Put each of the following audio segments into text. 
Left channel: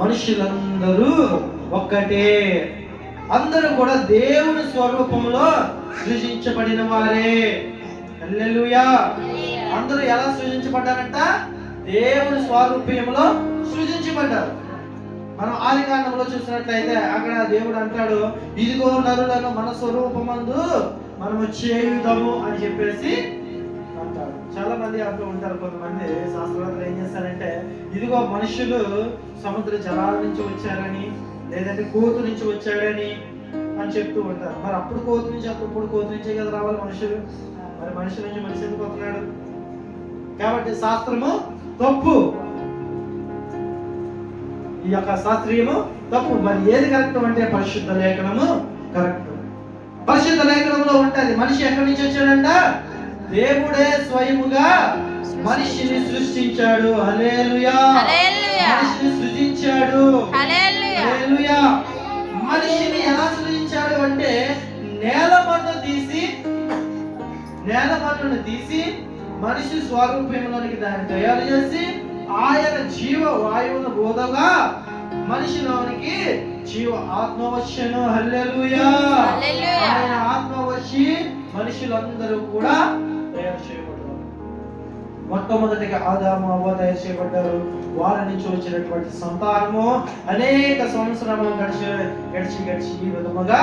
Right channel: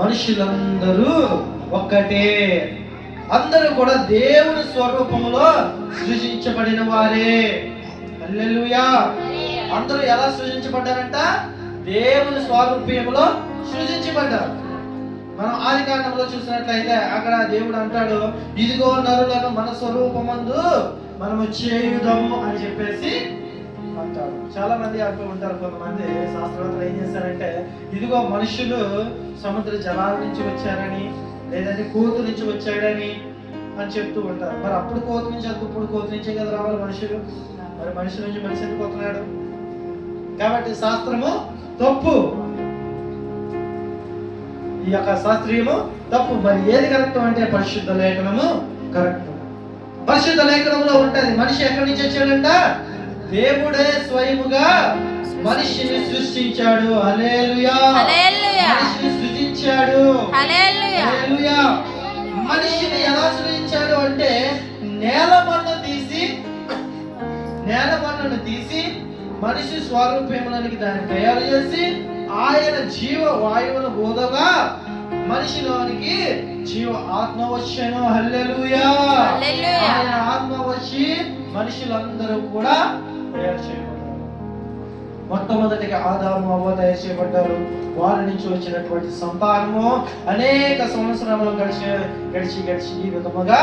మనుషులందరూ ఒక్కటే, అందరూ కూడా దేవుని స్వరూపంలో సృజించబడిన వారే. హల్లెలూయా. అందరూ ఎలా సృజించబడ్డారంట? దేవుని స్వరూపంలో సృజించబడ్డారు. మనం ఆది కాండంలో చూసినట్లయితే అక్కడ దేవుడు అంటాడు, ఇదిగో నరులను మన స్వరూపమందు మనము చేయుదము అని చెప్పేసి అంటాడు. చాలా మంది అంటూ ఉంటారు, కొంతమంది శాస్త్రవేత్తలు ఏం చేస్తారంటే, ఇదిగో మనుషులు సముద్ర జలాల నుంచి వచ్చారని, లేదంటే కోతు నుంచి వచ్చాడని అని చెప్తూ ఉంటారు. మరి అప్పుడు కోతు నుంచి ఇప్పుడు కోతు నుంచే కదా రావాలి మనుషులు. మరి మనుషుల నుంచి మనిషి ఎందుకు వస్తున్నాడు? కాబట్టి శాస్త్రము తప్పు, ఈ యొక్క శాస్త్రీయము తప్పు. మరి ఏది కరెక్ట్ అంటే పరిశుద్ధ లేఖనము కరెక్ట్. పరిశుద్ధ లేఖనంలో ఉంటది మనిషి ఎక్కడి నుంచి వచ్చాడంట? దేవుడే స్వయముగా మనిషిని సృష్టించాడు. హల్లెలూయా. మనిషిని సృజించాడు. హల్లెలూయా. మనిషిని ఎలా సృజించాడు అంటే నేల మన్నును తీసి మనిషి స్వరూపంలోనికి దాన్ని తయారు చేసి ఆయన జీవ వాయువును బోధగా మనిషిలోనికి జీవ ఆత్మ వచ్చెను. హల్లెలూయా. ఆయన ఆత్మ వచ్చి మనుషులందరూ కూడా తయారు చేయబడ్డారు. మొట్టమొదటిగా ఆదాము అవ్వ తయారు చేయబడ్డారు. వారి నుంచి వచ్చినటువంటి సంతానము అనేక సంవత్సరములు గడిచి ఈ విధముగా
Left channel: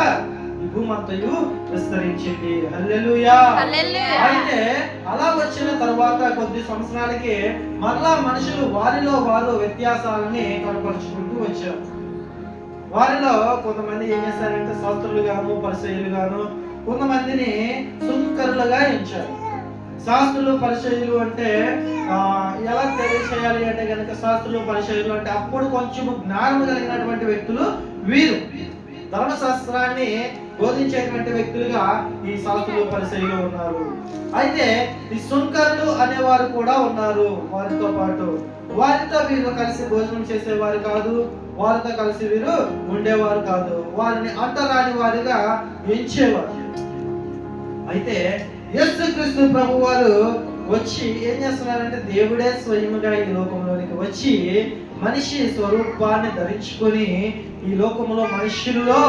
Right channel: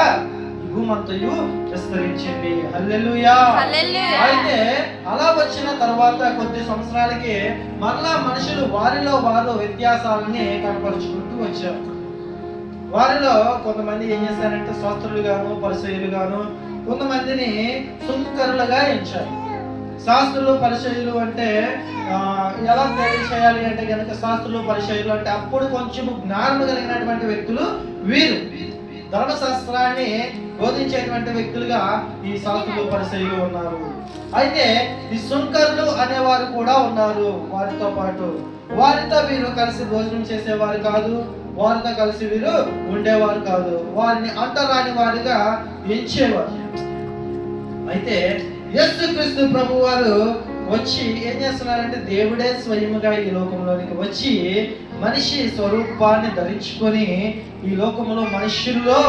ఈ భూమంతయు విస్తరించింది. హల్లెలూయా. అయితే అలా వచ్చిన తర్వాత కొద్ది సంవత్సరాలకి మరలా మనుషులు వారిలో వారు వ్యత్యాసాలని కనపరుచుకుంటూ వచ్చారు. వారిలో కొంతమంది ఏం చేశారంటే శాస్త్రులు గాను పరిసయ్యులు గాను కొంతమందిని సుంకరులుగా ఎంచారు. శాస్త్రులు పరిచయులు అంటే ఎలా తెలియచేయాలి అంటే కనుక, శాస్త్రులు పరిచయులు అంటే అప్పుడు కొంచెం జ్ఞానం కలిగినటువంటి వ్యక్తులు వీరు. ధర్మశాస్త్రాన్ని బోధించేటువంటి వ్యక్తులుగా ఈ శాస్త్రులు పరిచయులు ఉన్నారు. అయితే ఈ సుంకరులు అనేవారు కూడా ఉన్నారు వారితో పాటు. వారితో వీరు కలిసి భోజనం చేసేవారు కాదు, వారితో కలిసి వీరు ఉండేవారు కాదు, వారిని అంటరాని వారిగా ఎంచేవారు. అయితే యేసుక్రీస్తు ప్రభు వారు వచ్చి ఏం చేస్తున్నారంటే, దేవుడే స్వయముగా ఈ లోకంలోనికి వచ్చి మనిషి స్వరూపాన్ని ధరించుకొని ఈ లోకంలో మనుష్యుల్లో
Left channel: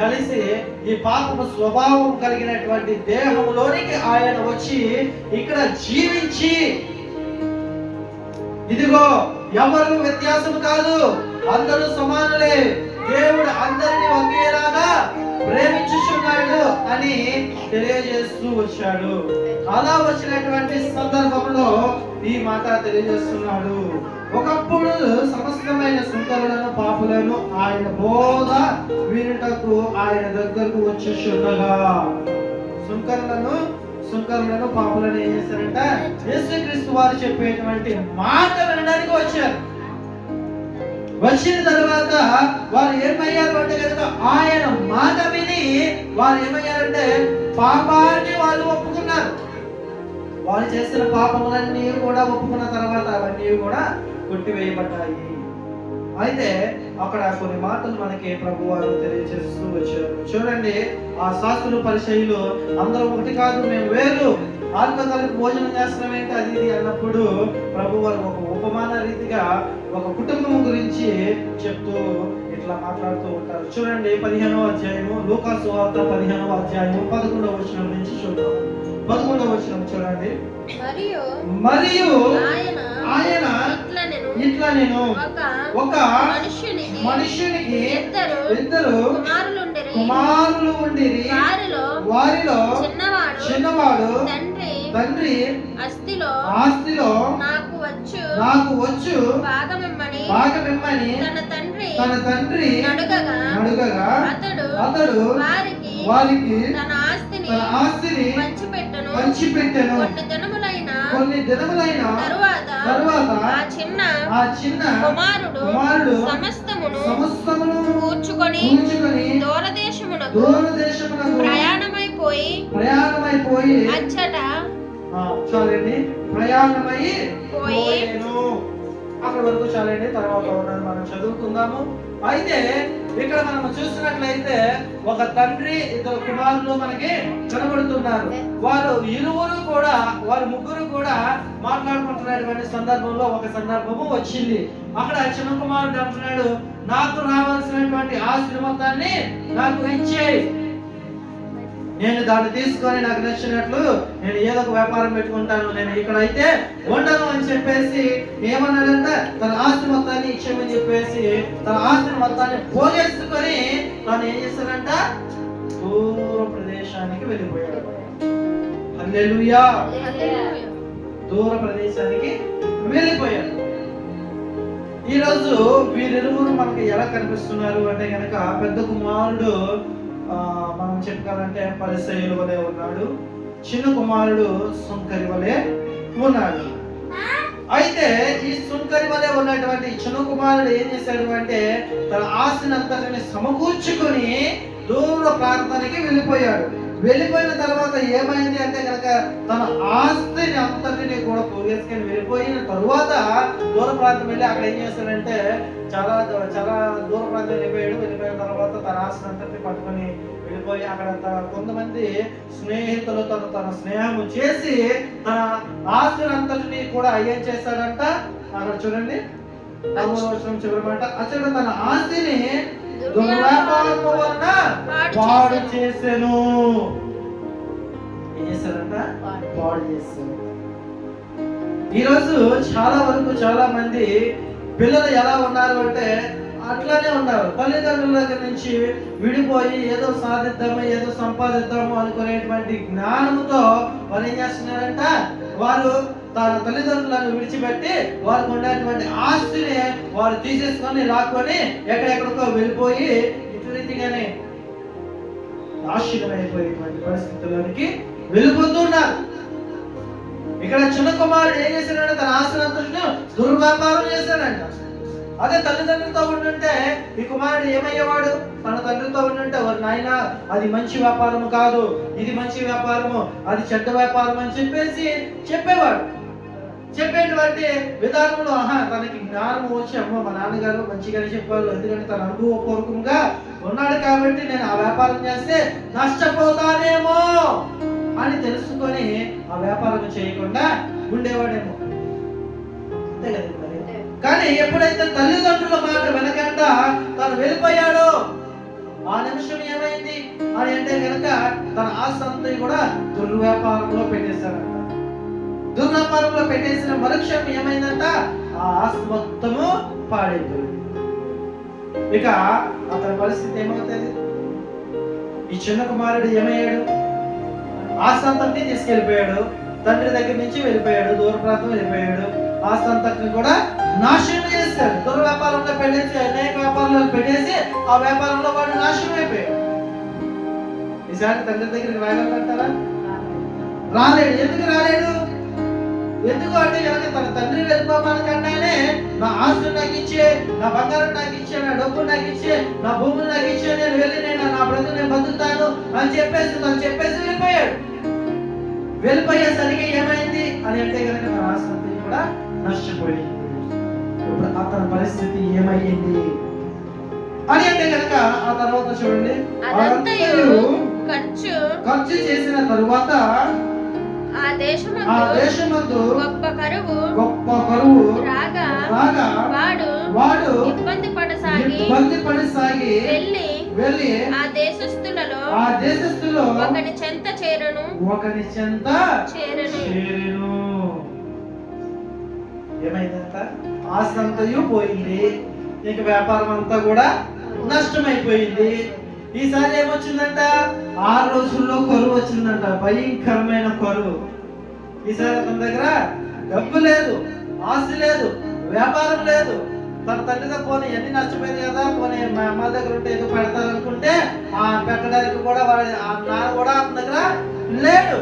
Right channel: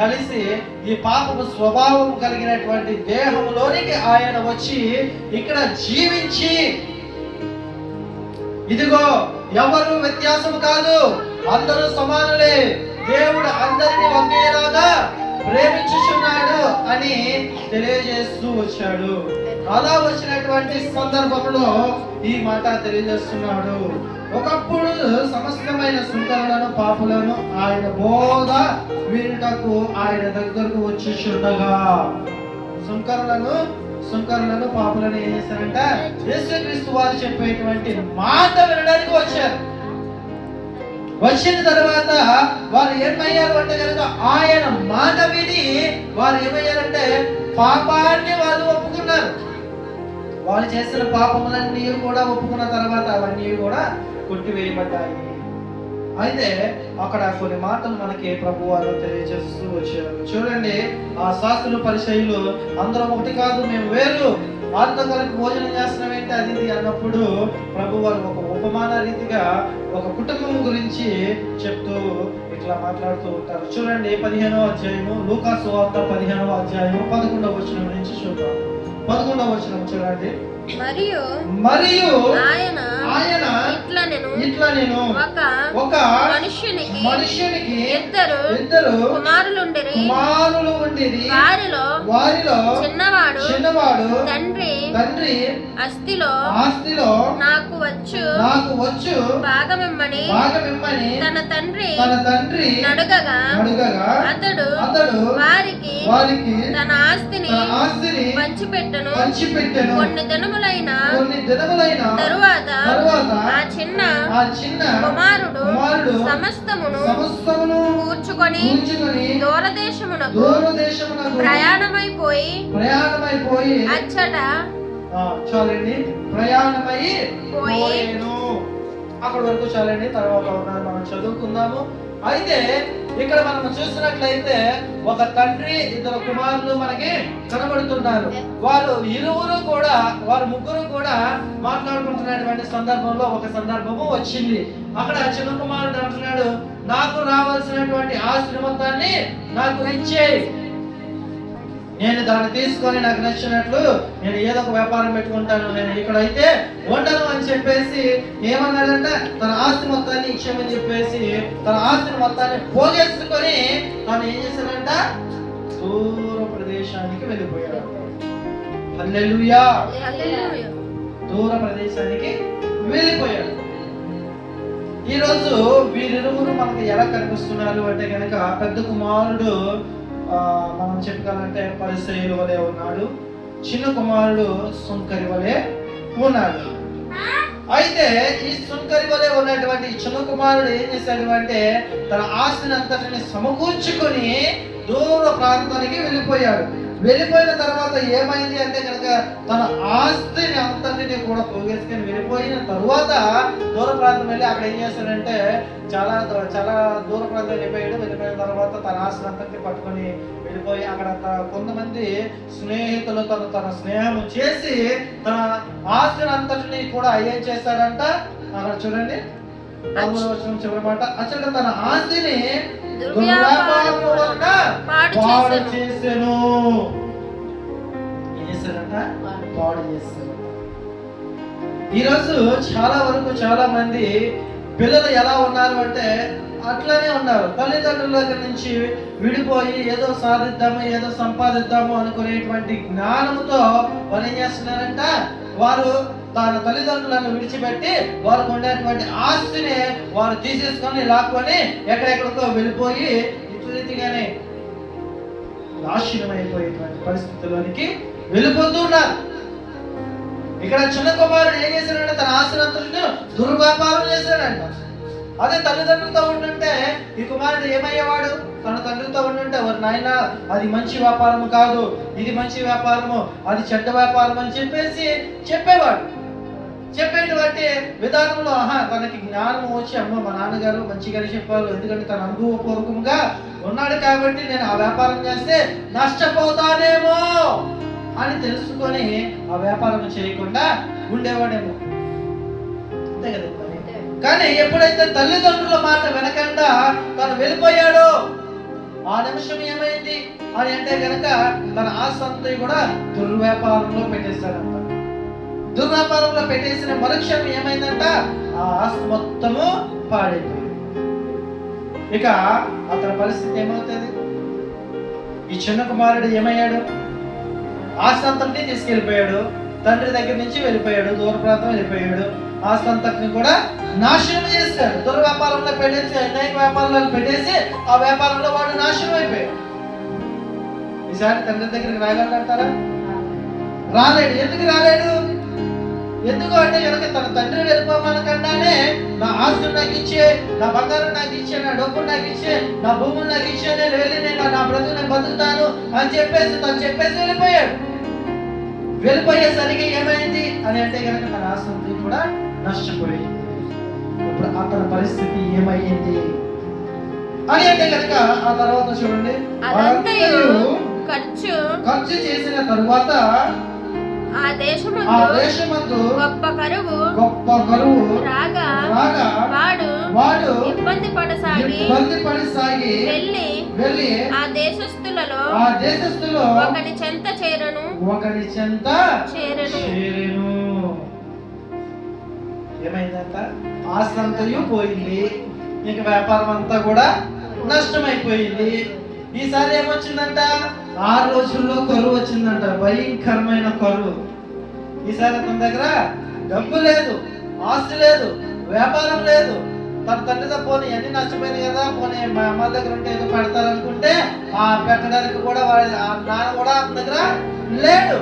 కలిసి ఈ పాపము స్వభావం కలిగినటువంటి దేహంలోనికి ఆయన వచ్చి ఇక్కడ జీవించి, ఇదిగో ఎవరు వ్యత్యాసం కాదు, అందరూ సమానులే, దేవుడు అందరినీ ఒకేలాగా ప్రేమించుచున్నాడు అని తెలియజేస్తూ వచ్చాడు. అలా వచ్చినటువంటి సందర్భంలో ఈ మాట తెలియజేస్తున్నాడు. ఒకప్పుడు సమస్తమైన సుంకరులను పాపులను ఆయన బోధ వినుటకు ఆయన దగ్గరకు వచ్చుచుండగా, సుంకరులను పాపులను ఏం చేశారంట? యేసుక్రీస్తు వారు చెప్పేటువంటి మాట వినడానికి వచ్చారు. వచ్చిన తర్వాత వారు ఏమయ్యారు అంటే కనుక, ఆయన మాట విని వారు ఏమయ్యారంటే పాపాన్ని వాళ్ళు ఒప్పుకున్నారు. వాళ్ళు చేసిన పాపములన్నీ కూడా ఒప్పుకున్న తర్వాత అవన్నీ కూడా కొట్టివేయబడ్డాయి. అయితే అక్కడ కొన్ని మాటలు మనకి ప్రభు వారు తెలియజేస్తూ వచ్చారు. చూడండి, ఆ శాస్త్రులు పరిచయులు అందరం ఒకటి కాదు, మేము వేరు, వారితో కలిపి భోజనం చేస్తున్నాం ఏంటి అది ఇది అన్నప్పుడు ప్రభు వారు ఒక ఉపమాన రీతిగా ఒక కుటుంబం గురించి చెప్తూ ఇట్లా మాట్లాడుతూ ఉంటారు. చూడండి, 15వ అధ్యాయము, లూకా సువార్త 15వ అధ్యాయము 11వ వచనం నుంచి చూద్దాం. 11వ వచనం చూడండి. మరియు ఆయన ఇట్లా నేను ఒక మనుష్యునికి ఇద్దరు కుమారులు ఉండిరి. వారిలో చిన్నవాడు తండ్రి ఆస్తిలో నాకు వచ్చు భాగమిమ్మని తన తండ్రి అడుగగా అతడు వారికి తన ఆస్తిని పంచిపెట్టెను. కొన్ని దినములైన తరువాత ఆ చిన్న కుమారుడు సమస్తమును కూర్చుకొని దూరదేశమునకు ప్రయాణమైపోయి అచ్చట చాలండి ప్రయాణమైపోయేను. అక్కడి వరకు చాలండి, తర్వాత మనం చదువుకుందాము. అయితే ఇక్కడ మనం చూసినట్లయితే ఒక తండ్రి ఇద్దరు కుమారులు మనకి కనబడుతున్నారు. వారు ఇరువురు కూడా, వారు ముగ్గురు కూడా మాట్లాడుకుంటున్నటువంటి సందర్భంలో ఒక సందర్భము వచ్చింది. అక్కడ చిన్న కుమారుడు అంటున్నాడు, నాకు రావాల్సినటువంటి ఆస్తి మొత్తాన్ని నాకు ఇచ్చేయి, నేను దాన్ని తీసుకొని నాకు నచ్చినట్లు నేను ఏదో ఒక వ్యాపారం పెట్టుకుంటాను, నేను ఇక్కడైతే ఉండను అని చెప్పేసి ఏమన్నాడంట, తన ఆస్తి మొత్తాన్ని ఇచ్చేయమని చెప్పేసి తన ఆస్తిని మొత్తాన్ని పోగేసుకొని తను ఏం చేశాడంట, దూర ప్రదేశానికి వెళ్ళిపోయాడు. హల్లెలూయా, దూర ప్రదేశానికి వెళ్ళిపోయాడు. ఈరోజు వీరిరువురు మనకి ఎలా కనిపిస్తున్నారు అంటే కనుక, పెద్ద కుమారుడు మనం చెప్పుకోవాలంటే పరిసయ్యుల వలె ఉన్నాడు, చిన్న కుమారుడు సుంకరి వలె ఉన్నాడు. అయితే ఈ సుంకరి వలె ఉన్నటువంటి చిన్న కుమారుడు ఏం చేశాడు అంటే, తన ఆస్తిని అంతటిని సమకూర్చుకొని దూర ప్రాంతానికి వెళ్ళిపోయాడు. వెళ్ళిపోయిన తర్వాత ఏమైంది అంటే కనుక, తన ఆస్తిని అంతటిని కూడా పోగేసుకొని వెళ్ళిపోయిన తరువాత దూర ప్రాంతం వెళ్ళి అక్కడ ఏం చేశాడంటే, చాలా దూర ప్రాంతం వెళ్ళిపోయిన తర్వాత తన ఆస్తిని అంతటిని పట్టుకొని వెళ్ళిపోయి అక్కడ కొంతమంది స్నేహితులతో తన స్నేహం చేసి తన ఆస్తిని అంతటిని కూడా ఏం చేశాడంట, అక్కడ చూడండి 13వ వచనం చివరి మాట, అతడు తన ఆస్తిని దుర్వ్యాపారము వలన పాడు చేసెను. ఏం చేశారంట, పాడు చేశారు. ఈరోజు చాలా వరకు చాలా మంది పిల్లలు ఎలా ఉన్నారు అంటే అట్లానే ఉన్నారు. తల్లిదండ్రుల దగ్గర నుంచి విడిపోయి ఏదో సాధిద్దాము, ఏదో సంపాదిద్దాము అనుకునేటువంటి జ్ఞానంతో వారు ఏం చేస్తున్నారంట, వారు తన తల్లిదండ్రులను విడిచిపెట్టి వారికి ఉండేటువంటి ఆస్తిని వారు తీసేసుకొని లాక్కొని ఎక్కడెక్కడికో వెళ్ళిపోయి ఇటు రీతిగానే నాశనం అయిపోయేటువంటి పరిస్థితుల్లోనికి వెళ్ళిపోతున్నారు. ఇక్కడ చిన్న కుమారుడు ఏం చేశాడంటే, తన ఆస్తిని దుర్వ్యాపారం చేశాడంట. అదే తల్లిదండ్రులతో ఉండుంటే ఈ కుమారుడు ఏమయ్యేవాడు, తన తండ్రితో ఉండుంటే, వారి నాయన అది మంచి వ్యాపారము కాదు, ఇది మంచి వ్యాపారము, అది చెడ్డ వ్యాపారం అని చెప్పేసి చెప్పేవాడు. చెప్పేటువంటి విధానంలో తనకి జ్ఞానం వచ్చి, అమ్మో మా నాన్నగారు మంచిగానే చెప్పారు, ఎందుకంటే తన అనుభవపూర్వకంగా ఉన్నాడు కాబట్టి నేను ఆ వ్యాపారం చేస్తే నష్టపోతానేమో అని తెలుసుకొని ఆ వ్యాపారం చేయకుండా ఉండేవాడేమో. అంతే కదా. కానీ ఎప్పుడైతే తల్లిదండ్రుల మాట వెనకుండా తను వెళ్ళిపోయాడో ఆ నిమిషం ఏమైంది అని అంటే కనుక, తన ఆస్తి అంతా కూడా దుర్వ్యాపారంలో పెట్టేశాడంట. దుర్వ్యాపారంలో పెట్టేసిన మరుక్షణం ఏమైందంట, ఆ ఆస్తి మొత్తము పాడైపోయింది. ఇక అతని పరిస్థితి ఏమవుతుంది, ఈ చిన్న కుమారుడు ఏమయ్యాడు, ఆస్తి అంతటిని తీసుకెళ్ళిపోయాడు, తండ్రి దగ్గర నుంచి వెళ్ళిపోయాడు, దూర ప్రాంతం వెళ్ళిపోయాడు, ఆస్తి అంతటిని కూడా నాశనం చేస్తాడు. దుర్వ్యాపారంలో పెట్టేసి అనేక వ్యాపారాలను పెట్టేసి ఆ వ్యాపారంలో వాడు నాశనం అయిపోయాడు. ఈసారి తండ్రి దగ్గరికి రాగలంటారా? రాలేడు. ఎందుకు రాలేడు? ఎందుకు అంటే కనుక తన తండ్రి వెళ్ళిపోమానకుండానే నా ఆస్తి నాకు ఇచ్చే, నా బంగారం నాకు ఇచ్చే, నా డబ్బు నాకు ఇచ్చే, నా భూములు నాకు ఇచ్చే, నేను వెళ్ళి నేను నా బ్రతుకు నేను బతుకుతాను అని చెప్పేసి వెళ్ళిపోయాడు. వెళ్ళిపోయేసరికి ఏమైంది అని అంటే కనుక తన ఆస్తి కూడా నష్టపోయింది. ఇప్పుడు అతని పరిస్థితి ఏమైంది అని అంటే కనుక ఆ తర్వాత చూడండి, ఖర్చు చేసిన తరువాత ఆ దేశమందు గొప్ప కరువు రాగా వాడు ఇబ్బంది పడసాగి వెళ్ళి ఆ దేశస్థులలో ఒకని చెంత చేరెను. ఏమైందంట, ఆస్తి అంతయు పోయింది, ఇంక వ్యాపారం అంతా కూడా నష్టమైపోయింది. ఈసారి ఏమొచ్చిందంట, 6 రోజుల్లో కరువు వచ్చిందంట, భయంకరమైన కరువు. ఈసారి అతని దగ్గర డబ్బు లేదు, ఆస్తి లేదు, వ్యాపారం లేదు. తన తండ్రితో పోనీ అన్ని నష్టపోయింది కదా, పోనీ మా అమ్మ దగ్గర ఉంటే ఏదో పెడతారనుకుంటే ఆ పెట్టడానికి కూడా ఆ నాన్న కూడా అతని దగ్గర లేడు.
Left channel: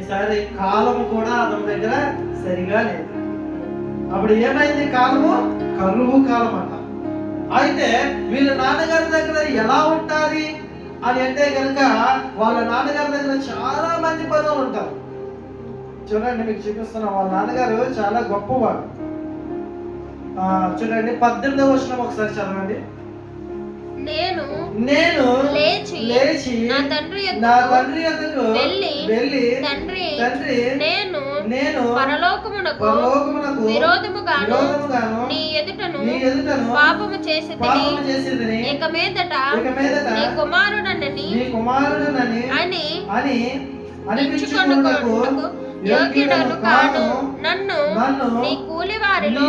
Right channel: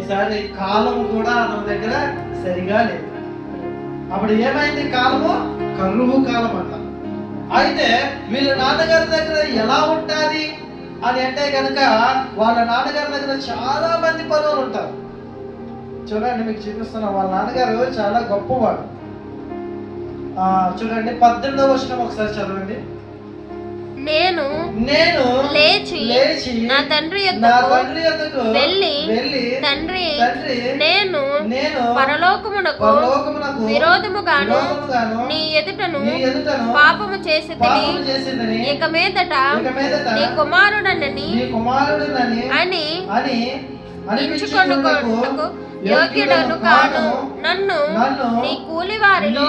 ఈసారి కాలము కూడా అతని దగ్గర సరిగా లేదు. అప్పుడు ఏమైంది, కాలము కరువు కాలం అంట. అయితే వీళ్ళ నాన్నగారి దగ్గర ఎలా ఉంటుంది అని అంటే కనుక, వాళ్ళ నాన్నగారి దగ్గర చాలా మంది పనులు ఉంటారు. చూడండి, మీకు చూపిస్తున్నా, వాళ్ళ నాన్నగారు చాలా గొప్పవాడు. చూడండి 18వ వచనం ఒకసారి చదవండి. నేను లేచి నా తండ్రి యొద్దకు వెళ్ళి తండ్రి నేను పరలోకమునకు విరోధముగాను నీ ఎదుటను పాపము చేసితిని, ఇక మీదట నీ కుమారుడనని అని అనిపించుకొనుటకు యోగ్యుడను కాను. నన్ను నీ కూలివారిలో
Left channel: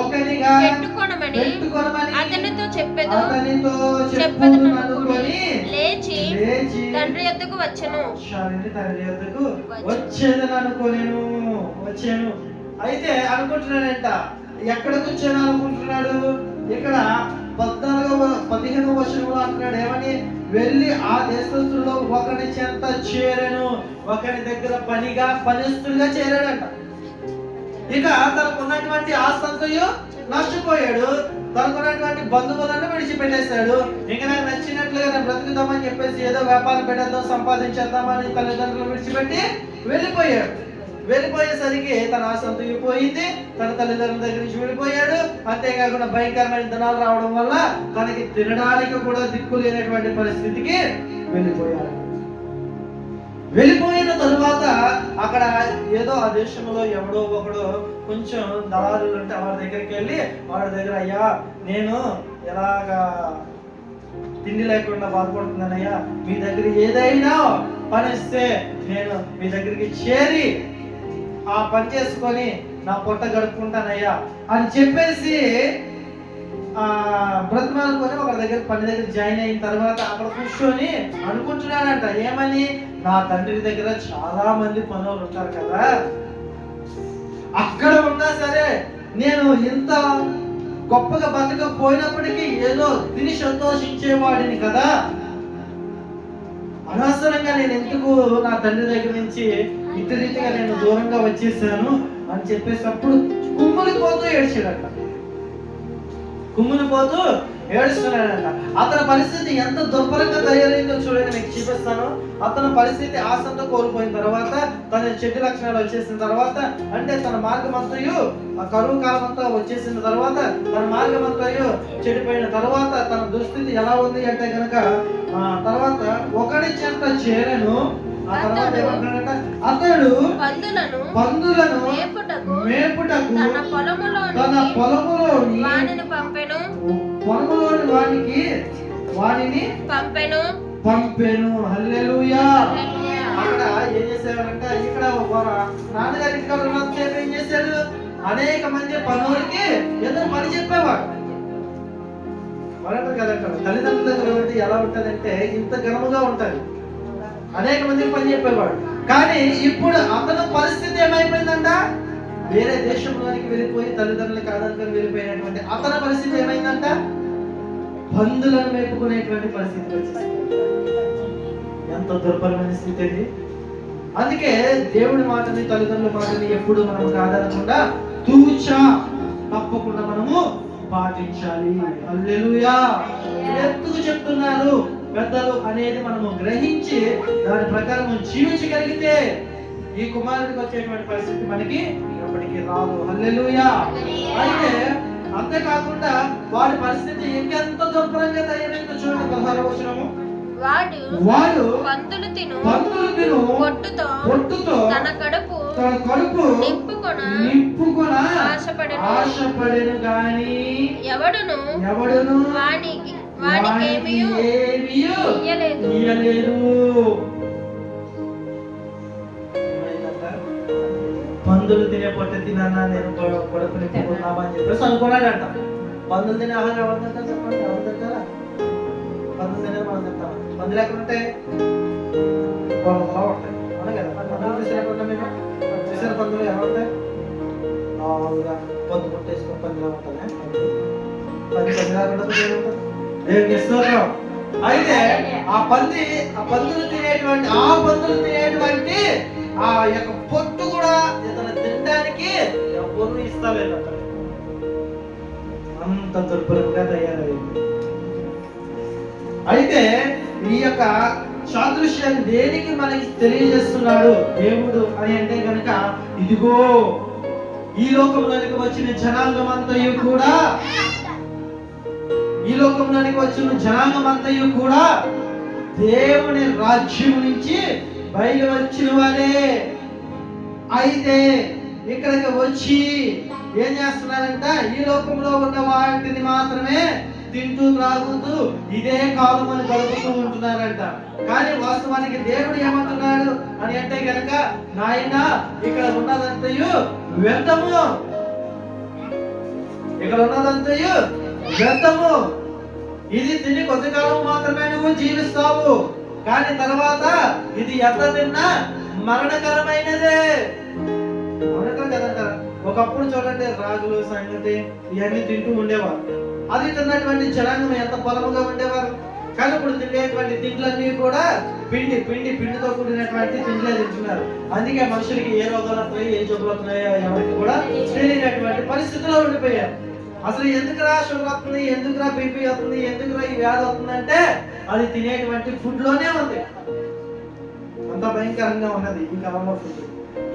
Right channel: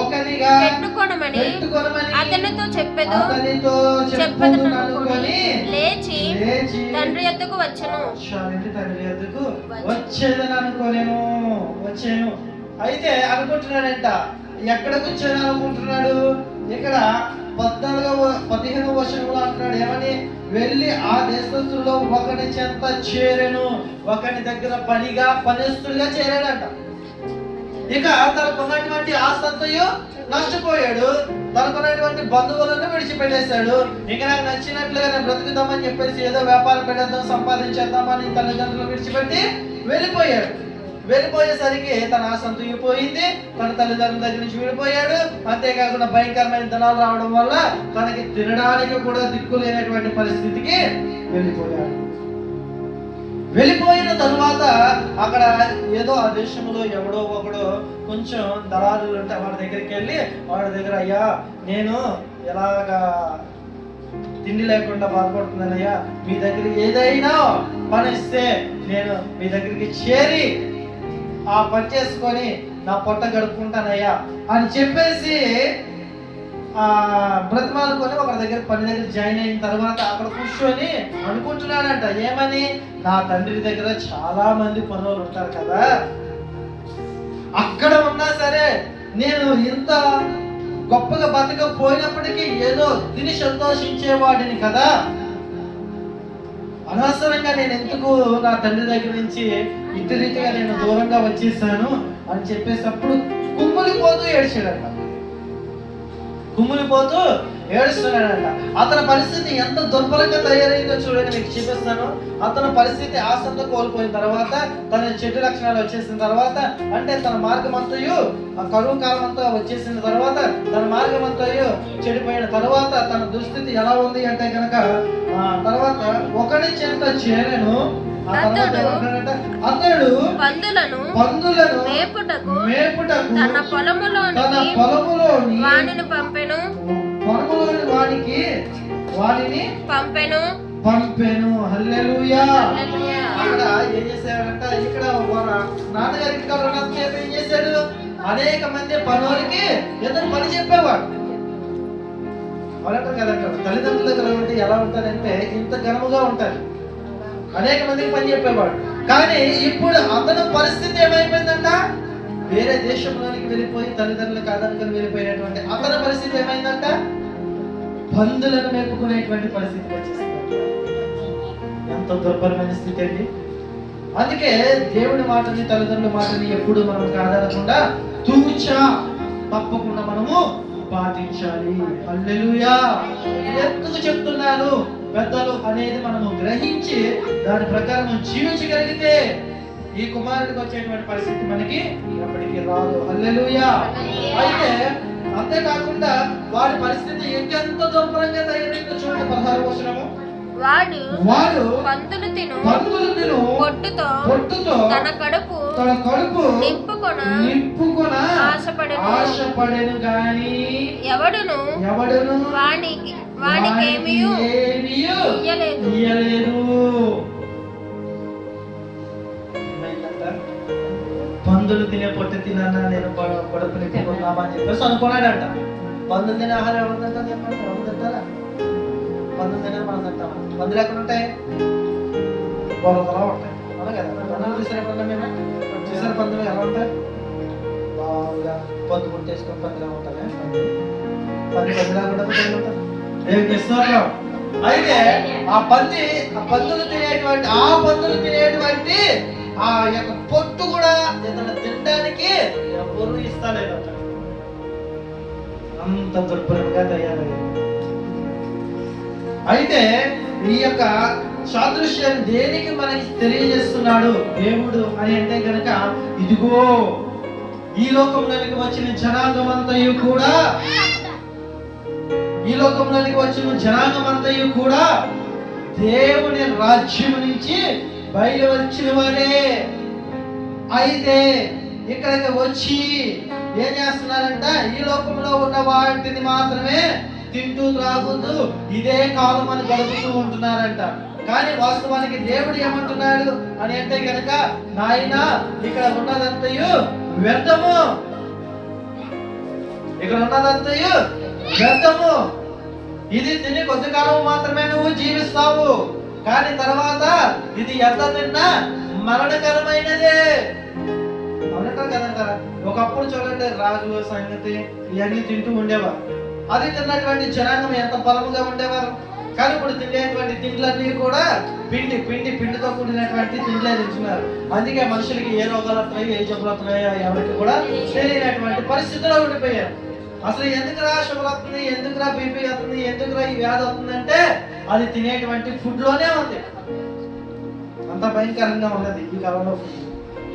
ఒకనిగా పెట్టుకొనమని అతనితో చెప్పెదననుకొని లేచి తండ్రి యొద్దకు వచ్చాను. అయితే అనుకుంటున్నాడంట, ఎక్కడ కూర్చొని అనుకుంటున్నాడు? ఇక్కడ 15వ వచనంలో అంటున్నాడు ఏమని? వెళ్ళి ఆ దేశస్తుల్లో ఒకని చెంత చేరెను, ఒకని దగ్గర పనిస్తులుగా చేరాడంట. ఇక తనకున్నటువంటి ఆస్తంతయు నష్టపోయాడు, తనకున్నటువంటి బంధువులను విడిచిపెట్టేశాడు. ఇంకా నాకు నచ్చినట్లుగా నేను బ్రతుకుదామని చెప్పేసి ఏదో వ్యాపారం పెట్టేద్దాం, సంపాదించేద్దామని తల్లిదండ్రులు విడిచిపెట్టి వెళ్ళిపోయాడు. వెళ్ళిపోయేసరికి తన ఆసంతు పోయింది, తన తల్లిదండ్రుల దగ్గర నుంచి విడిపోయాడు. అంతేకాకుండా భయంకరమైన దినాలు రావడం వల్ల తనకి తినడానికి కూడా దిక్కు లేనటువంటి పరిస్థితికి వెళ్ళిపోయాడు. వెళ్ళిపోయిన తరువాత అక్కడ ఏదో ఆ దేశంలో ఎవడో ఒకడు కొంచెం దళారులు ఉంటే వాడి దగ్గరికి వెళ్ళి వాడి దగ్గర, అయ్యా నేను ఎలాగా తిండి లేకుండా బాధపడుతున్నానయ్యా, మీ దగ్గర ఏదైనా పని ఇస్తే నేను మీ దగ్గరికి చేరి ఆ పని చేసుకొని నా పొట్ట గడుపుకుంటానయ్యా అని చెప్పేసి బ్రతిమాలుకొని ఒక పని దగ్గర జాయిన్ అయిన తర్వాత అక్కడ కూర్చొని అనుకుంటున్నాడంట ఏమని? నా తండ్రి దగ్గర చాలా మంది పనులు ఉంటారు కదా, అక్కడ ఉన్నా సరే నేను ఇంత గొప్పగా బతకపోయినప్పటికీ ఏదో తిని సంతోషించేవాడిని కదా, అనవసరంగా నేను ఎందుకు నా తండ్రి దగ్గర నుంచి ఇటు రీతిగా నేను దూరంగా వచ్చేసాను అని చెప్పేసి అప్పుడు కుమ్ములిపోతూ ఏడుస్తున్నాడంట. అతని పరిస్థితి ఎంత దుర్భరంగా తయారైందో చూడండి, మీకు చూపిస్తాను. అతని పరిస్థితి ఆశంతో కోల్పోయిన తర్వాత, తన చెడు లక్షణాలు వచ్చేసిన తర్వాత, అంటే తన మార్గం అంతయు కరువు కాలం అంతా వచ్చేసిన తర్వాత, తన మార్గం అంతయు చెడిపోయిన తర్వాత తన దుస్థితి ఎలా ఉంది అంటే కనుక తర్వాత ఒకరి చెంత చేరను. ఆ తర్వాత ఏమంటాడంట? అతడు పందులను మేపుటకు తన పొలములోని వానిని పంపెను. హల్లెలూయా. అక్కడ ఏం చేశాడంట? ఇక్కడ నాన్నగారి ఇంటికాడ ఉన్నంతసేపు ఏం చేశాడు? అనేక మంది పనులకి ఏదో పని చెప్పేవాడు. వాళ్ళంటారు కదంట, తల్లిదండ్రుల దగ్గర ఎలా ఉంటుందంటే ఇంత ఘనముగా ఉంటుంది, అనేక మందికి పని చెప్పేవాడు. కానీ ఇప్పుడు అతని పరిస్థితి ఏమైపోయిందంట? వేరే దేశంలోనికి వెళ్ళిపోయి తల్లిదండ్రులు కాదనుకొని వెళ్ళిపోయినటువంటి అతని పరిస్థితి ఏమైందంట? పందులను మేపుకునేటువంటి పరిస్థితి వచ్చేస్తుంది. ఎంత దుర్భరమైన స్థితి అది. అందుకే దేవుడి మాటని, తల్లిదండ్రుల మాటని ఎప్పుడు మనం కాదనకుండా తూచా తప్పకుండా మనము పాటించాలి. హల్లెలూయా. ఎందుకు చెప్తున్నారు పెద్దలు అనేది మనము గ్రహించి దాని ప్రకారం జీవించగలిగితే ఈ కుమారుడికి వచ్చేటువంటి పరిస్థితి మనకి ఎప్పటికీ రాదు. హల్లెలూయా. అయితే అంతేకాకుండా వాడి పరిస్థితి ఇంకెంత దుర్భరంగా తయారైందో చూడండి. 16వ వచనము. వాడు పందులు తిను పొట్టుతో తన కడుపు నింపుకొన ఆశపడెను గాని ఎవడును వానికి ఇయ్యలేదు. పందులు తినే పొట్టు తినన్నా నేను కడుపు నింపుకున్నామా అని చెప్పేసి అనుకున్నాడంట. పందులు తినే ఆహారం ఎవరు తింటారు చెప్పండి? ఎవరు తింటారా? పందులు తినేది మనం తింటాం. పందులు ఎక్కడ ఉంటాయి? పొలంలో ఉంటాయి, అవునా కదా? పందులు చూసినప్పుడు మేము చూసిన పందులు ఎలా ఉంటాయి? బాగా పొద్దు పుట్టేసుకొని పందులా ఉంటాయి. పందులా కూడా ఉంటాయి. అయితే ఆ పందులు తినేటువంటి ఆ యొక్క పొట్టు కూడా ఇతను తినడానికి ఎవరు ఇస్తలేదు. అంత దుర్భరంగా తయారయ్యింది. అయితే ఈ యొక్క సాదృశ్యాన్ని దేనికి మనకి తెలియజేస్తున్నాడు దేవుడు అని అంటే కనుక, ఇదిగో ఈ లోకంలోనికి వచ్చిన జనాంగమంతయు కూడా దేవుని రాజ్యం నుంచి బయలు వచ్చిన వారే. అయితే ఇక్కడికి వచ్చి ఏం చేస్తున్నారంట? ఈ లోకంలో ఉన్న వాటిని మాత్రమే తింటూ త్రాగుతూ ఇదే కాలం అని గడుపుతూ ఉంటున్నారంట. కానీ వాస్తవానికి దేవుడు ఏమంటున్నాడు అని అంటే కనుక, నాయన ఇక్కడ ఉన్నదంతయు వ్యర్థము, ఇది తిని కొద్ది కాలం మాత్రమే నువ్వు జీవిస్తావు, కానీ తర్వాత ఇది ఎంత తిన్నా మరణకరమైనదే. అవునంటారు కదంటారా? ఒకప్పుడు చూడండి, రాగులు సంగతి ఇవన్నీ తింటూ ఉండేవారు. అది తిన్నటువంటి జనాంగం ఎంత బలముగా ఉండేవారు. కానీ ఇప్పుడు తినేటువంటి తిండ్లన్నీ కూడా పిండితో కూడినటువంటి తిండ్లే తింటున్నారు. అందుకే మనుషులకి ఏ రోగాలు వస్తున్నాయో ఏ జబ్బులు వస్తున్నాయో ఎవరికి కూడా తెలియనటువంటి పరిస్థితిలో ఉండిపోయారు. అసలు ఎందుకురా షుగర్ వస్తుంది, ఎందుకురా బీపీ వస్తుంది, ఎందుకురా ఈ వ్యాధి వస్తుందంటే అది తినేటువంటి ఫుడ్ లోనే ఉంది. అంత భయంకరంగా ఉన్నది ఈ కాలంలో ఫుడ్.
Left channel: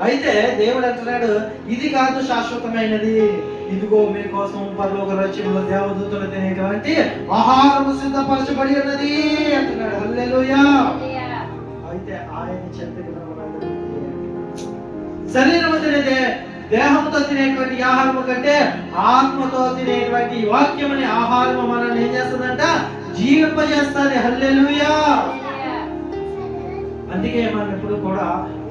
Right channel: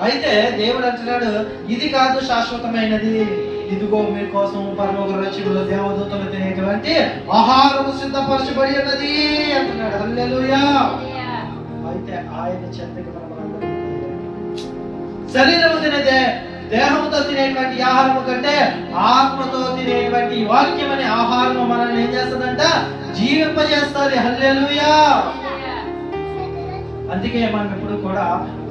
అయితే దేవుడు అంటున్నాడు, ఇది కాదు శాశ్వతమైనది, ఇదిగో మీకోసం పరలోక రాజ్యంలో దేవదూతలు తినేటువంటి ఆహారము సిద్ధపరచబడి ఉన్నది అంటున్నాడు. హల్లెలూయా. అయితే ఆయన చెంతకు శరీరము తినేదే దేహంతో తినేటువంటి ఆహారము కంటే ఆత్మతో తినేటువంటి వాక్యం అనే ఆహారము మనల్ని ఏం చేస్తుందంట? జీవింపజేస్తుంది. హల్లెలూయా. అందుకే మనం ఎప్పుడు కూడా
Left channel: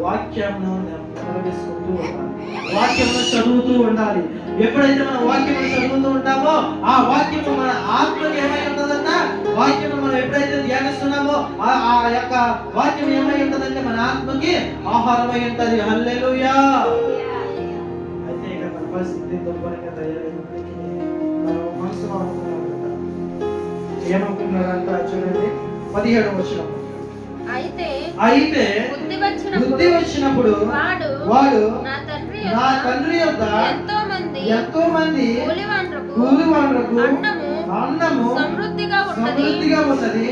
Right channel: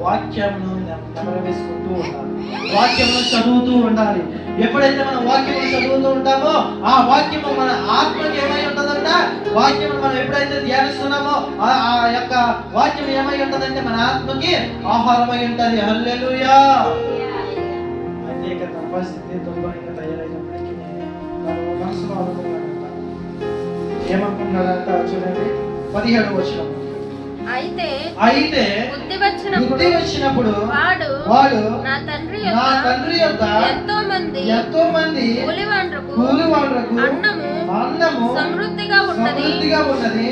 వాక్యమును నెమరవేసుకుంటూ ఉండాలి, వాక్యమును చదువుతూ ఉండాలి. ఎప్పుడైతే మనం వాక్యమును చదువుతూ ఉంటామో ఆ వాక్యము మన ఆత్మకి ఏమై ఉంటుందంట? వాక్యము మనం ఎప్పుడైతే ధ్యానిస్తున్నామో ఆ యొక్క వాక్యం ఏమై ఉంటుందంటే మన ఆత్మకి ఆహారమై ఉంటుంది. హల్లెలూయా. అయితే ఇక తన పరిస్థితి దుర్భరంగా తయారైనప్పటికీ తన మనసులో అనుకున్నాడంట. ఏమనుకున్నాడంట? చూడండి 17వ వచనం. అయితే బుద్ధి వచ్చినప్పుడు వాడు నా తండ్రి యొక్క ఎంతో మంది కూలివాండ్రకు అన్నము సమృద్ధిగా ఉన్నది,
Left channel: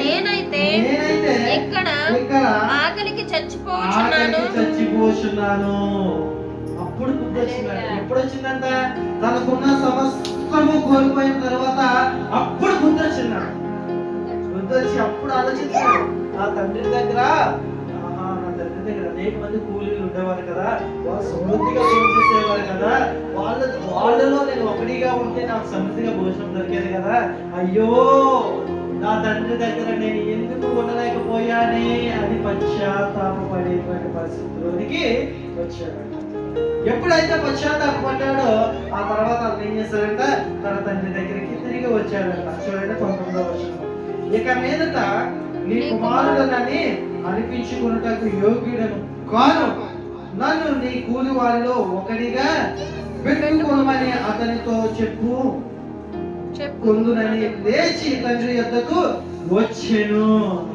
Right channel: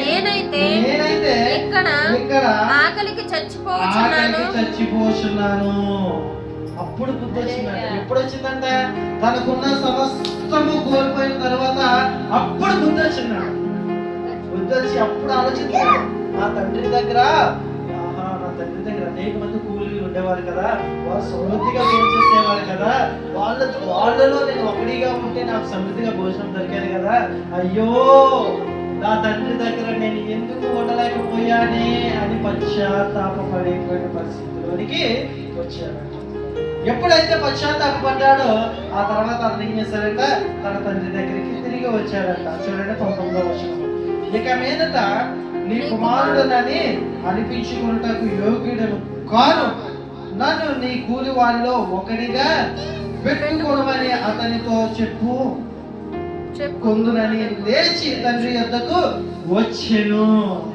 నేనైతే ఇక్కడ ఆకలికి చచ్చిపోచున్నాను. అప్పుడు బుద్ధి వచ్చిందంట. ఎప్పుడు వచ్చిందంట? తనకున్న సమస్తము కోల్పోయిన తర్వాత అప్పుడు బుద్ధి వచ్చిందంట. బుద్ధి వచ్చి అప్పుడు ఆలోచించాడు, నా తండ్రి దగ్గర అనేక మంది కూలీలు ఉండేవారు కదా, వాళ్ళు సమృద్ధిగా భోజనం చేసేవారు కదా, వాళ్ళలో నేను ఒకటిగా ఉంటే నాకు సమృద్ధిగా భోజనం దొరికేది కదా. అయ్యో, నా తండ్రి దగ్గర నేను ఎందుకు ఉండలేకపోయానే అని పశ్చాత్తాపపడేటువంటి పరిస్థితిలోనికి వచ్చాడంట. ఎప్పుడైతే పశ్చాత్తాపడ్డాడో ఆ తర్వాత అతను ఏం చేశాడంట? తన తండ్రి దగ్గరికి తిరిగి వచ్చాడంట. చూడండి 19వ వచనం. ఇక మీదట నీ కుమారుడనని అనిపించుకున్నటకు యోగ్యుడను కాను, నన్ను నీ కూలి వారిలో ఒకడిగా పెట్టుకోమని అతనితో చెప్పుకుందునని లేచి తండ్రి యొద్దకు వచ్చెను.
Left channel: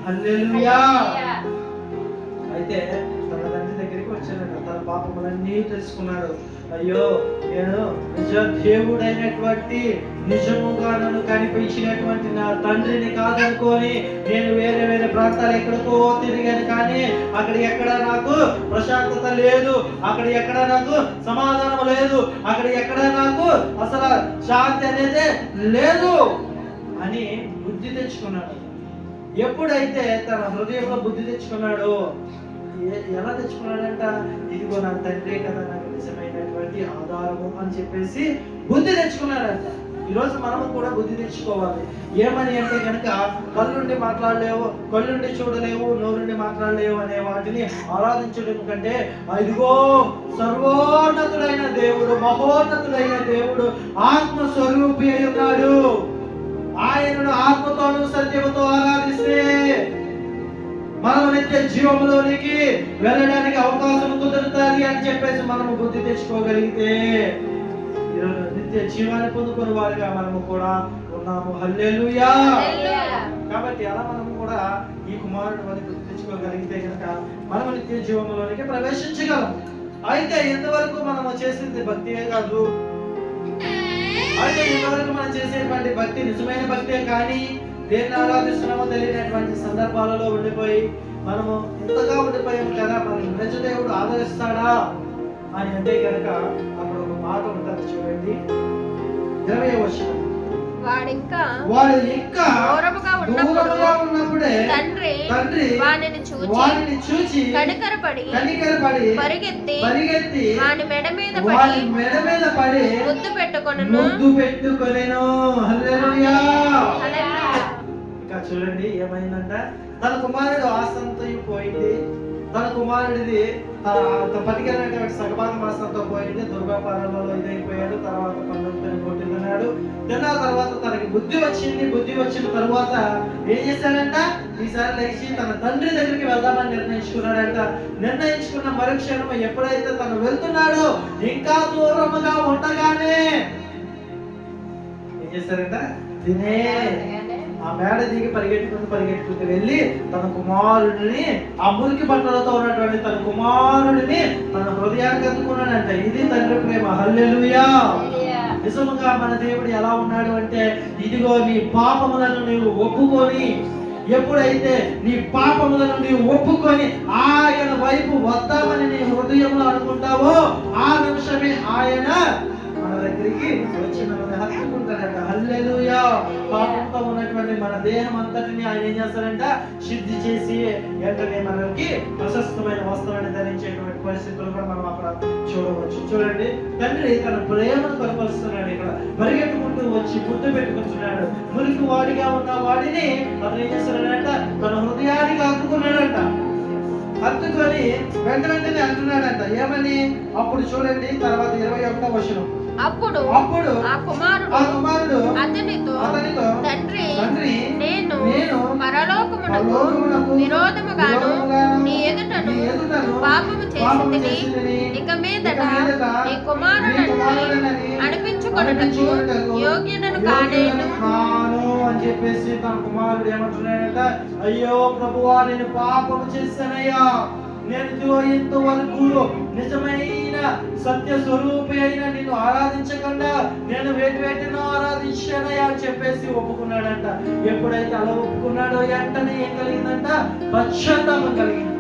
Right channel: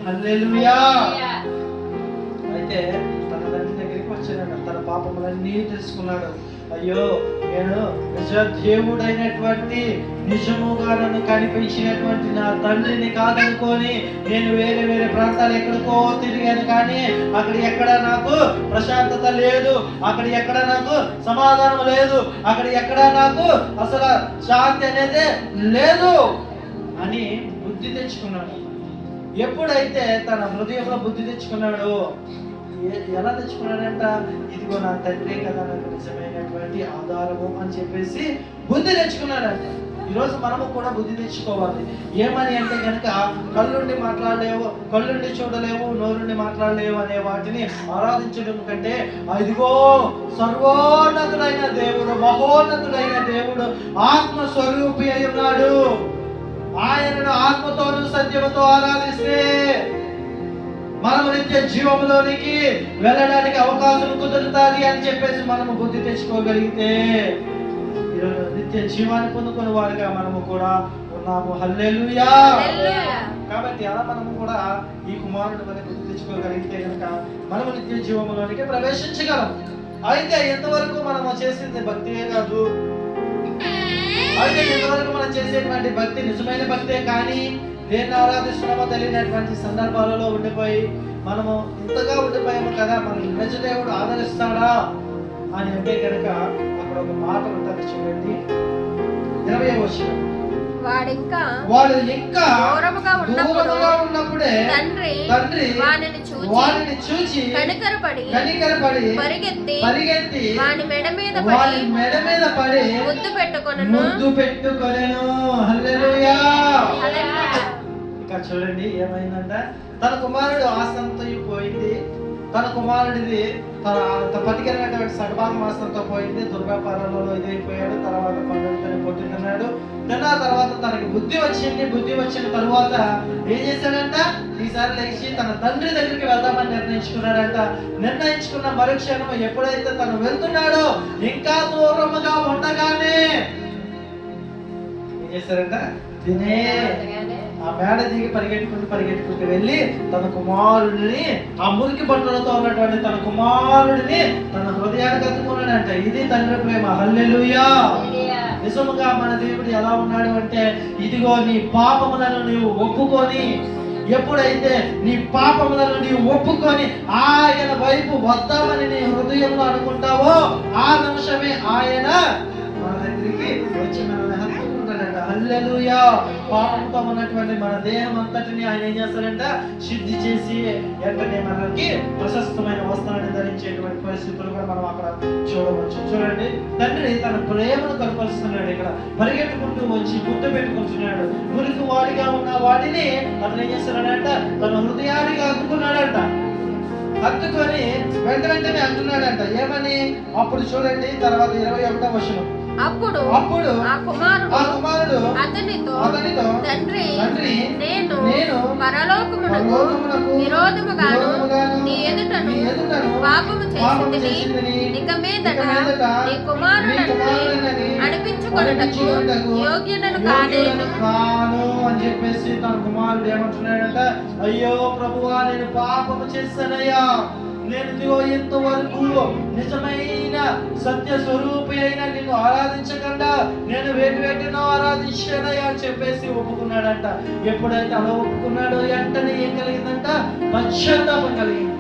హల్లెలూయా. అయితే తన తండ్రి దగ్గరికి వచ్చాడంట. తన పాపములన్నీ తెలుసుకున్నాడు. అయ్యో, నేను నిజ దేవుడైనటువంటి నిజముగా నన్ను కనిపించినటువంటి నా తండ్రిని కాదనుకొని నేను వేరే వేరే ప్రాంతాలు ఎక్కడికో తిరిగాను, కానీ అక్కడ ఎక్కడ నాకు ప్రశాంతత లేదు, అక్కడ ఎక్కడ నాకు సమాధానం లేదు, అక్కడ ఎక్కడ నాకు అసలు శాంతి అనేది లేదు అని బుద్ధి తెచ్చుకున్నాడు. ఎప్పుడైతే తన హృదయంలో బుద్ధి తెచ్చుకున్నాడో, ఎలా తెచ్చుకున్నాడంట? ఇదిగో నా తండ్రి కదా నాకు నిజమైనటువంటి ఆధారము అని చెప్పేసి బుద్ధి తెచ్చుకున్నాడంట. ఈరోజు మనము కూడా బుద్ధి తెచ్చుకోవాలి. ఏమని అంటే కనుక, కళ్ళుండి మాట్లాడలేవు, కళ్ళుండి చూడలేవు, నోరుండి మాట్లాడలేవు అనే వాటిని ఆరాధించడం కంటే, ఇదిగో సర్వోన్నతుడైన దేవుడు, మహోన్నతుడైన దేవుడు, ఆత్మస్వరూపి అయి ఉన్నాడు. ఆయనను ఆత్మతోను సత్యముతో ఆరాధిస్తే మనము నిత్య జీవములోనికి వెళ్ళడానికి అవకాశం కుదురుతుంది అని చెప్పేసి మనము బుద్ధి తెచ్చుకోగలిగితే ఈరోజు నిత్య జీవాన్ని పొందుకునే వారుగా మనము కూడా ఉన్నాము. హల్లెలూయా. కాబట్టి అలా మనము కూడా ఈ కుమారుడు వల్ల బుద్ధి తెచ్చుకోగలిగితే కనుక మనము నిత్య జీవములోనికి ప్రవేశించగలం. అయితే ఎంతవరకు మనము చేసింది భక్తియే కాదు, అయితే ఎంతవరకు మనం చేసేటువంటి భక్తి నిజమైన భక్తే, కానీ దేన్ని ఆరాధిస్తున్నామో తెలియనటువంటి సందర్భాలలో ఉండిపోయి మనము ఇంతగా ఉండిపోయాము కదా, మనకి నిజ దేవుడు ఆదరిస్తాడా అని అంటే కనుక అక్కడ అక్కడ ఒక మాట ఉంటుంది చూడండి, 20వ వచనం. వాడు ఇంకా దూరముగా ఉన్నప్పుడే తండ్రి వానిని చూచి కనికరపడి పరిగెత్తి వాని మెడ మీద పడి ముద్దు పెట్టుకొనెను. హల్లెలూయా. ఇక చూడండి ఏమైందంట, తన కుమారుడు ఆస్తంతో పోయింది, తన కుమారుడిది తన పతికినటువంటి సగభాగం ఆస్తంతో పోయింది, దుర్వ్యాపారాలలో ఇదైపోయాడు, తర్వాత పనులతో పొట్టుకున్నాడు. తిన్న తర్వాత తనకి బుద్ధి వచ్చిన తర్వాత ఏం చేశాడంట, ఈసారి లేచి తన తండ్రి దగ్గరికి వెళ్దామని నిర్ణయించుకున్నాడంట. నిర్ణయించుకున్న మరుక్షణం ఎప్పుడైతే తను వెళ్తున్నాడో ఇంకా దూరముగా ఉండగానే ఏం చేశారంట, తినే ఆ మేడ దిగి పరిగెట్టుకుంటూ వెళ్ళి తన కుమారుడిని, ఆ మురికి బట్టలతో ఉన్నటువంటి తన కుమారుడిని తన హృదయానికి ఎత్తుకున్నాడంట. ఇది తండ్రి ప్రేమ. హల్లెలూయా. నిజముగా మన దేవుడు ఎలా ఉన్నాడు అంటే, ఇదిగో నీ పాపములను నీవు ఒప్పుకొని, ఎప్పుడైతే నీ పాపములను నీవు ఒప్పుకొని ఆయన వైపు వద్దామని నీ హృదయంలో అనుకుంటావో ఆ నిమిషమే ఆయన మన దగ్గరికి వచ్చి మనల్ని హత్తుకుంటాడంట. హల్లెలూయా. పాపంతో ఉన్నటువంటి మన దేహం అంతటిని ఆయన ఏం చేస్తాడంట, శుద్ధి చేసి వెంటనే మనకి ప్రశస్తమైన వస్త్రాన్ని ధరించేటువంటి పరిస్థితులు కూడా మనం అక్కడ చూడవచ్చు. చూడండి, తండ్రి తన ప్రేమను కనపరుస్తున్నాడు. ఇక్కడ పరిగెట్టుకుంటూ వచ్చి ముద్దు పెట్టుకుంటున్నాడు. మురికి వాడిగా ఉన్న వాడిని అతను ఏం చేస్తున్నాడంట, తన హృదయానికి హత్తుకున్నాడంట. హత్తుకొని వెంటనే అంటున్నాడంట ఏమని, అప్పుడు చూడండి తర్వాత 21వ వచనం. అప్పుడు ఆ కుమారుడు అతనితో తండ్రి, నేను పరలోకమునకు విరోధముగాను నీ ఎదుటను పాపము చేసితిని, ఇక మీదట నీ కుమారుడని అనిపించుకొనుటకు యోగ్యుడను కానేను అని చెప్పేసి తన కుమారుడు ఏమంటున్నాడంట, అయ్యో ప్రభువా, నేను పాపము చేశానయ్యా, నేను ఇంతవరకు నిజమైన సత్య స్వరూపి అయిన నిన్ను ఆరాధించకుండా నేను వేటినో ఆరాధించానయ్యా అని చెప్పేసి ఒప్పుకున్నాడంట. ఎప్పుడైతే అలా ఒప్పుకున్నాడో వెంటనే ఏం కలిగిందంట, పశ్చాత్తాపం కలిగింది.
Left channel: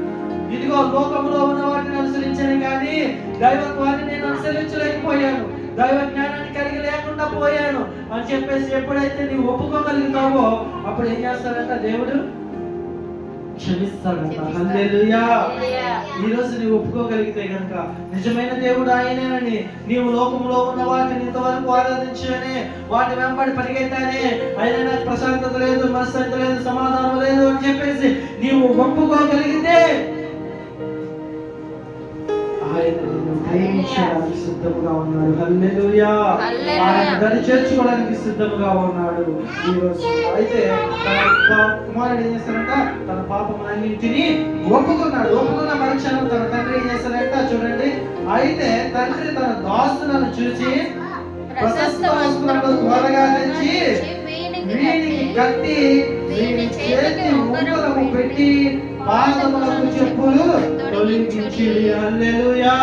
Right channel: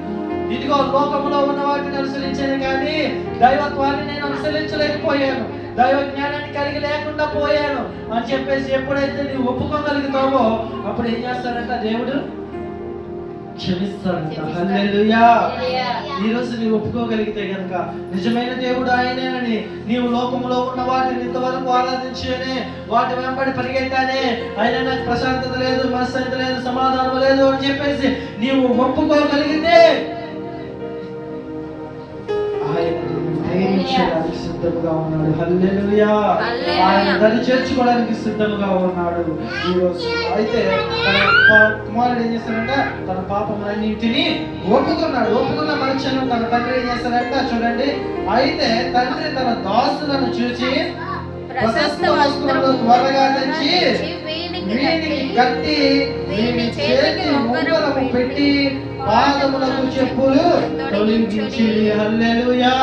ఇదిగో లోకంలో ఉన్న వాటిని అనుసరించాను కానీ దైవత్వాన్ని నేను అనుసరించలేకపోయాను, దైవ జ్ఞానాన్ని కలిగి లేకుండా పోయాను అని చెప్పేసి ఎప్పుడైతే నీవు ఒప్పుకోగలుగుతావో అప్పుడు ఏం చేస్తాడంట, దేవుడు క్షమిస్తాడంట. హల్లెలూయా. ఈ రోజు నీవు ఒప్పుకోగలిగితే గనుక నిజమైన దేవుడు ఆయనేనని, నీవు లోకంలో ఉన్న వాటిని ఇంతవరకు ఆరాధించానే, వాటి వెంబడి పరిగెత్తానే, ఆయన నాకు ప్రశాంతత లేదు, మనశ్శాంతి లేదు, సమాధానం లేదు అని చెప్పేసి నీవు ఒప్పుకోగలిగితే ఆయన ప్రేమించడానికి సిద్ధముగా ఉన్నాడు. హల్లెలూయా. ఆయన దాన్ని చేర్చుకోవడానికి సిద్ధముగా ఉన్నాడు ఈ రోజు. అయితే తన కుమారుడు ఏం చేస్తాడంట, తన పాపములన్నింటినీ ఒప్పుకున్నాడు. ఒప్పుకున్న మరుక్షణం తన తండ్రి ఏం చేస్తాడంట చూడండి, అయితే తండ్రి తన దాసులను చూసి ప్రశస్త వస్త్రములు త్వరగా తెచ్చి వీనికి కట్టి వీని చేతి ఉంగరము పెట్టి పాదములకు చెప్పులు తొలగించి. హల్లెలూయా.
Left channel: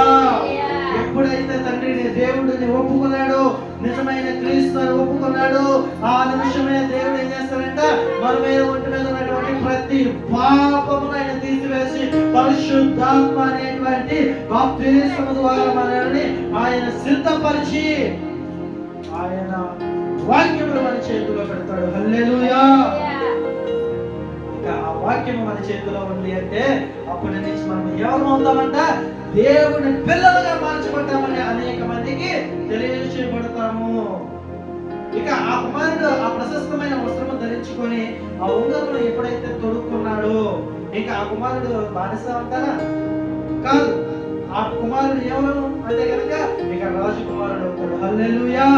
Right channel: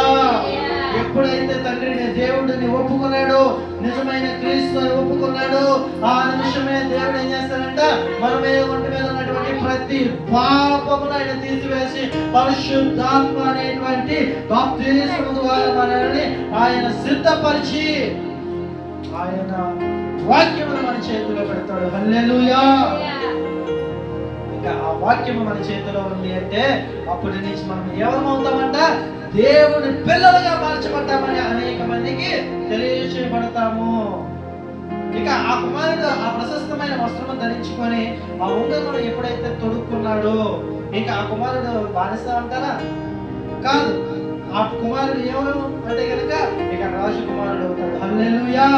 ఎప్పుడైతే తండ్రిని దేవుడిని ఒప్పుకున్నాడు, నిజమైన క్రీస్తుని ఒప్పుకున్నాడు, ఆ నిమిషమే దేవుడు ఏం చేస్తాడంట, మన మీద ఒంటి మీద ఉన్నటువంటి ప్రతి పాపమును ఆయన తీసివేసి పరిశుద్ధాత్మ అనేటువంటి బాప్తిస్మము ద్వారా మనల్ని ఆయన సిద్ధపరిచి ఆయన వాక్యమును మన చేతిలో పెడతాడు. హల్లెలూయా. ఆ వాక్యము మన చేతిలో ఉంది అంటే అప్పటి నుంచి మనం ఎవరమవుతామంట, దేవుని పిల్లలుగా మార్చబడ్డామని అనేక మందికి తెలియచేయబడతాము. ఇక ఆ కుమారుడు ఆ ప్రశస్తమైన వస్త్రము ధరించుకొని ఆ ఉంగరమును ఎప్పుడైతే తొడుక్కున్నాడో ఇక ఆ కుమారుడు బానిస అంటారా? కాదు. ఆ కుమారుడు ఎవరు అంటే కనుక ఇక రాజకుమారుడు అవుతాడు. హల్లెలూయా.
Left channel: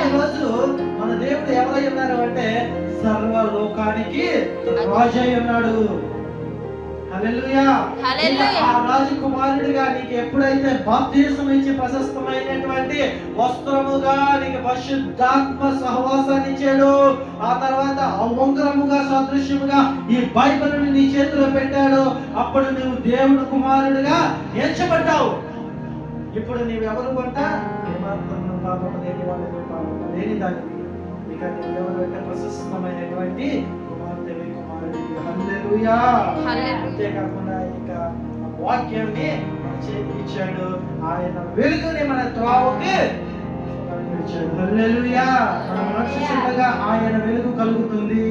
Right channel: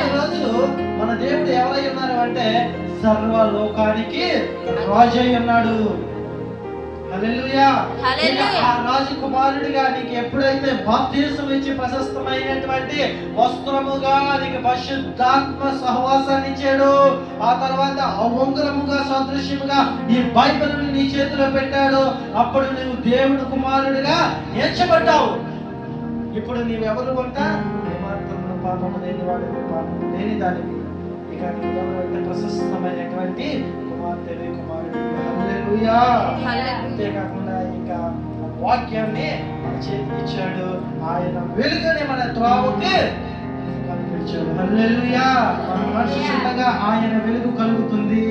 ఈ రోజు మన దేవుడు ఎవరై ఉన్నారు అంటే సర్వలోకానికి రాజు అయి ఉన్నాడు. హల్లెలూయా. ఆ రాజకుమారుడిగా నీకు ఎప్పుడైతే బాప్తిస్మం ఇచ్చి ప్రశస్తమైనటువంటి వస్త్రముగా నీకు పరిశుద్ధాత్మ సహవాసాన్ని ఇచ్చాడు, ఆ తర్వాత ఉంగరముగా సదృశ్యముగా ఈ బైబిల్ని నీ చేతిలో పెట్టాడు, అప్పుడు నువ్వు దేవుని కుమారుడిగా ఎంచబడ్డావు. ఇప్పుడు నీవెవరు అంట, ఏమాత్రం పాపము లేని వాడివి, పాపము లేని దానివి. ఇక నువ్వు ఎవరైతే ప్రశస్తమైనటువంటి కుమార్తెవి, కుమారుడివి. హల్లెలూయా. అంతేకాకుండా ఇక వాక్యాన్ని మన చేతికి ఇచ్చాడు. ఆయన వెలుగుని మన త్రోవకి కనిపించాడు. హల్లెలూయా. మన మనసు చిన్నగా ఆయన వెలుగు కలుగుతుంది.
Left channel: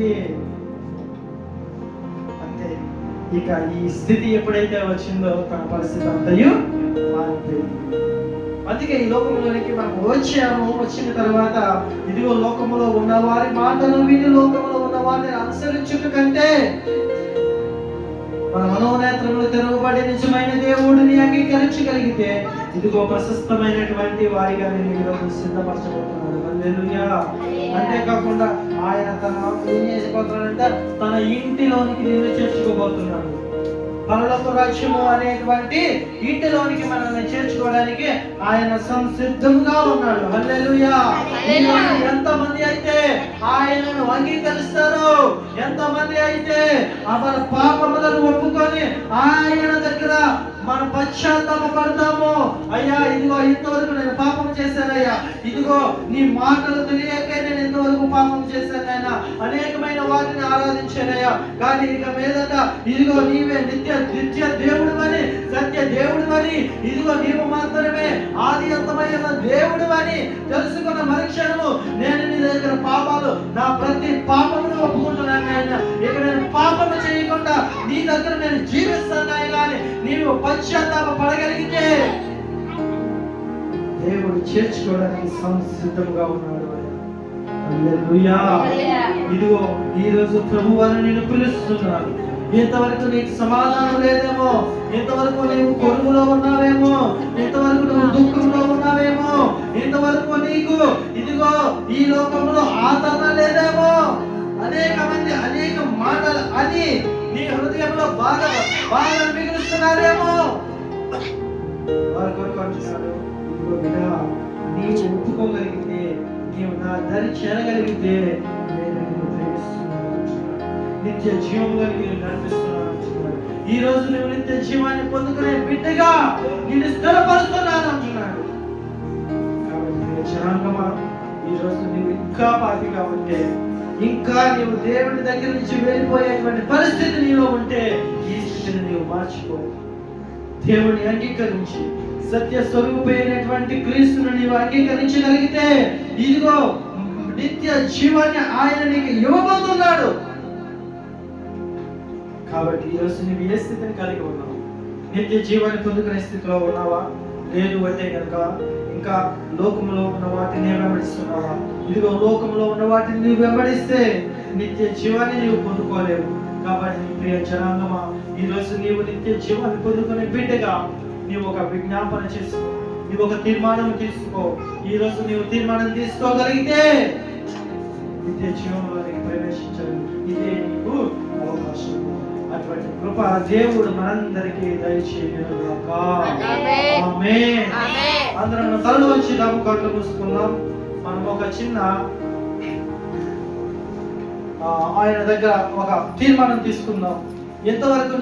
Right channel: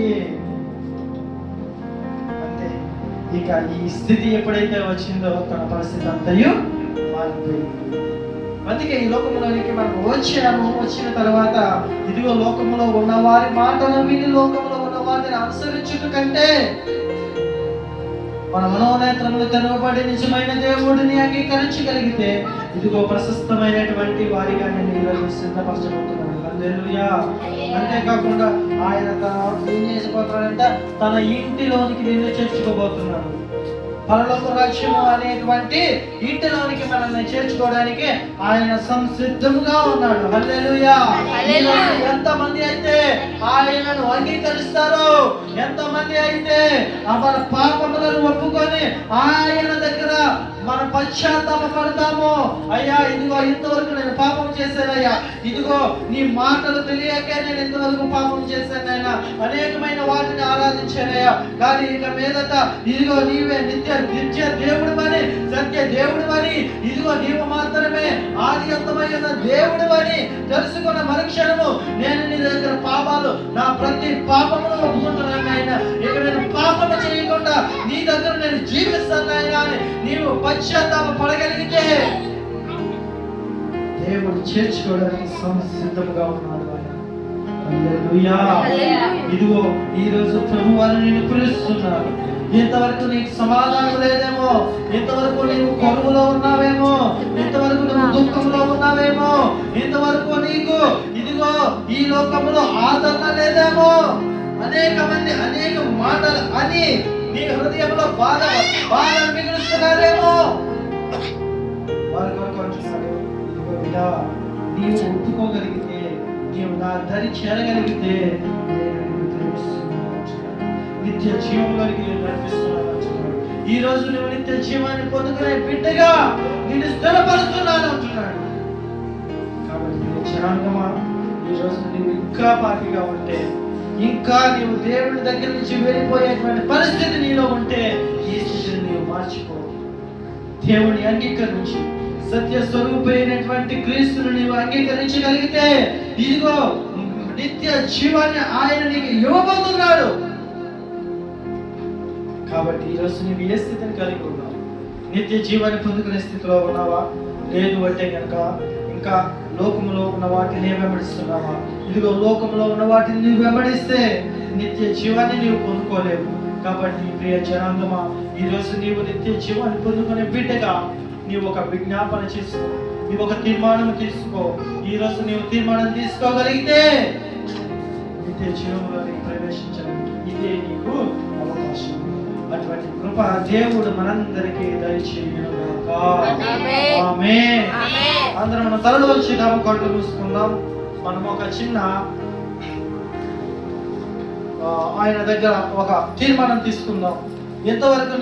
అంతే. ఇక ఈ స్థితి ఎప్పుడైతే వచ్చిందో తన పరిస్థితి అంతయు మారిపోయింది. అందుకే ఈ లోకంలోనికి మనం వచ్చాము. వచ్చిన తర్వాత ఇదిగో లోకములో ఉన్న వారి మాటలు విని లోకములో ఉన్న వారిని అనుసరించుట కంటే మన మనోనేత్రములు తెరవబడి నిజమైన దేవుడిని అంగీకరించగలిగితే ఇదిగో ప్రశస్తమైనటువంటి వారిగా నేను ఈరోజు సిద్ధపరచబోతున్నాను. హల్లెలూయా. అంతేకాకుండా ఆయన ఏం చేసిపోతున్నాడంటే తన ఇంటిలోనికి నిన్ను చేర్చుకోబోతున్నాడు. పరలోక రాజ్యము అనేటువంటి ఇంటిలోనికి మనల్ని చేర్చుకోవడానికి ఆయన సంసిద్ధంగా ఉన్నాడు. హల్లెలూయా. ఎంతమంది అయితే ఆయనను అంగీకరిస్తారో, ఎంతమంది అయితే మన పాపములను ఒప్పుకొని ఆయన దగ్గర మనం పశ్చాత్తాప పడతామో, అయ్యా ఇదిగో ఇంతవరకు నేను పాపం చేశానయ్యా, ఇదిగో నీ మాటలు తెలియకే నేను ఇంతవరకు పాపం చేశానైనా, అనేకమైన వాటిని ఆరాధించానయ్యా, కానీ ఇక మీదట ఇదిగో నీవే నిత్య దేవుడు అని, సత్య దేవుడు అని, ఇదిగో నీవు మాత్రమే ఆది అంతమైన దేవుడు అని తెలుసుకున్న మరుక్షణము నేను నీ దగ్గర పాపాలు నా ప్రతి పాపమును ఒప్పుకుంటున్నాను ఆయన, ఇక నేను పాపము చేయకుండా నీ దగ్గర నేను జీవిస్తాను ఆయన అని నీవు పశ్చాత్తాప పడగలిగితే దేవుడు చేర్చుకోవడానికి సిద్ధంగా ఉన్నాడు ఆయన. హల్లెలూయా. ఇదిగో ఈ రోజు ప్రభువుని నిన్ను పిలుస్తున్నారు. ఇంతవరకు నీకు సమాధానం లేదేమో, ఇంతవరకు నీవు కొనుగోలో ఉన్నావేమో, ఇంతవరకు నువ్వు దుఃఖంలో ఉన్నావేమో, ఇంతవరకు నీకు ఇదిగో ఈ లోకంలో ఆదరణ లేదేమో, అనేక మంది అనేక మాటలు అని నీ హృదయంలో బాధ మిగులుస్తున్నారేమో. వారి కొరకు అంటున్నాడు, ఇదిగో బిడ్డ, నీవు ఒప్పుకోగలిగితే, నీవు నా దరి చేరగలిగితే నేను నిన్ను ప్రేమిస్తున్నాను అంటున్నాడు. నిత్య జీవంలోకి నేను నడిపిస్తున్నాను అంటున్నాడు. ఈ రోజు నువ్వు నిత్య జీవాన్ని పొందుకునే బిడ్డగా నిన్ను స్థిరపరుస్తున్నాను అంటున్నాడు. కాబట్టి జనాంగమా, ఈ రోజు నువ్వు ఇంకా పాపిగా ఉంటే, ఇంకా నీవు దేవుని దగ్గర నుంచి వెళ్ళిపోయేటువంటి పరిస్థితి నీలో ఉంటే ఈ స్థితిని నీవు మార్చిపోయి దేవుని అంగీకరించి సత్య స్వరూపమైనటువంటి క్రీస్తును నీవు అంగీకరించగలిగితే ఇదిగో నిత్య జీవాన్ని ఆయన నీకు ఇవ్వబోతున్నాడు. కాబట్టి ఈరోజు నీవు ఏ స్థితిని కలిగి ఉన్నావు? నిత్య జీవాన్ని పొందుకునే స్థితిలో ఉన్నావా? లేదు అంటే కనుక ఇంకా లోకంలో ఉన్న వాటిని వెంబడిస్తున్నావా? ఇదిగో లోకంలో ఉన్న వాటిని నీవు వెంబడిస్తే నిత్య జీవాన్ని నీవు పొందుకోలేవు. కాబట్టి నీ ప్రియ జనాంగమా, ఈరోజు నీవు నిత్య జీవాన్ని పొందుకునే బిడ్డగా నీవు ఒక విజ్ఞాపన చేసుకో, నీవు ఒక తీర్మానం తీసుకో. ఈరోజు నీవు తీర్మానం తీసుకోగలిగితే నిత్య జీవంలోకి ప్రవేశించడానికి ఇదే నీకు అవకాశం. అటువంటి కృప దేవుడు మనందరికీ దయచేయునుగాక. ఆమేన్. అందరం మన తలలో వచ్చి కళ్ళు మూసుకుందాం. మనం ఒక చిన్న ఆయన దగ్గర ఒక తీర్మానం తీసుకుందాం. ఎంతవరకు